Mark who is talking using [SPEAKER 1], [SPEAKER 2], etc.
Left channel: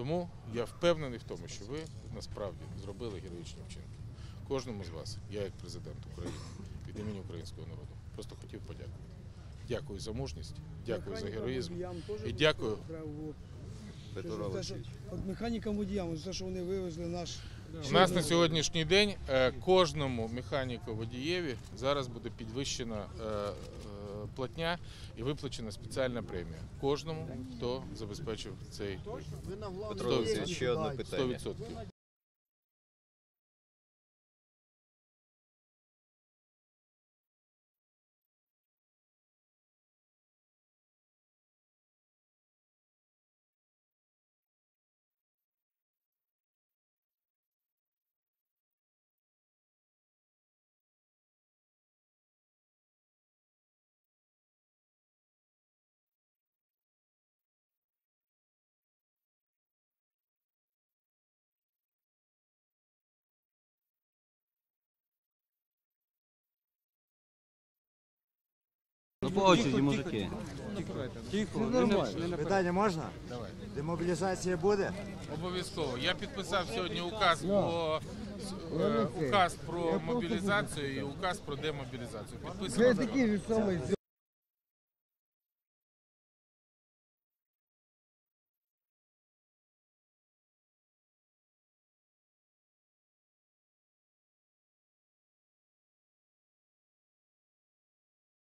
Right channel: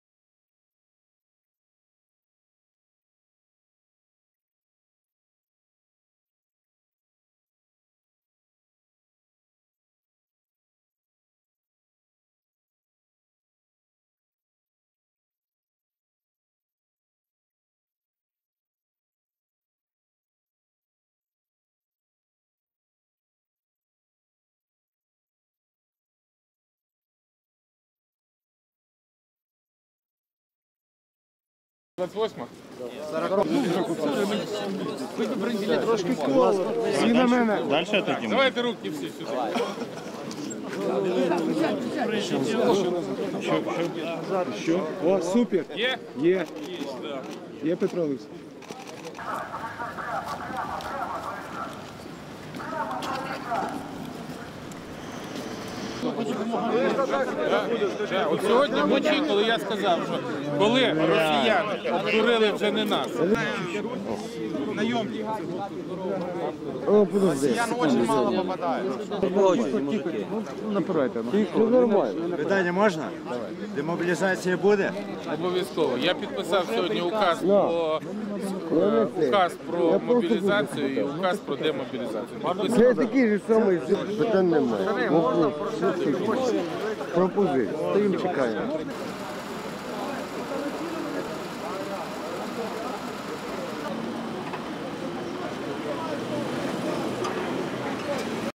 [SPEAKER 1] Тому я впевнений в тому, що ви насправді зробили героїчні вчинки. Кожному з вас, я як президент України, від імені українського народу, просто хотів подякувати. Дякую за мужність, дякую за героїзм і дякую.
[SPEAKER 2] От механікам водіям, за те, що вони вивезли наш.
[SPEAKER 1] У нас на сьогоднішній день е, кожному механіку водієві зараз буде підвищена е, платня і виплачена спеціальна премія. Кожному, хто забезпечив цей
[SPEAKER 3] Петро ще одне питання.
[SPEAKER 1] 100%. 28 Давайте руки всі сюди.
[SPEAKER 4] Що? О, супер!
[SPEAKER 1] Є?
[SPEAKER 4] Є. Є Петро Олексійович.
[SPEAKER 1] От сьогодні вночі, коли я сказав, що коли росіяни обдурили вже не нас.
[SPEAKER 5] Питання можна? Демобілізація буде?
[SPEAKER 1] Обов'язково. Я підписав сьогодні указ про е, указ про мобілізацію і указ про демобілізацію. Підписав.
[SPEAKER 6] такий же самий питань немає. Вопрос. Пропозиція. Стоїмо чекаємо.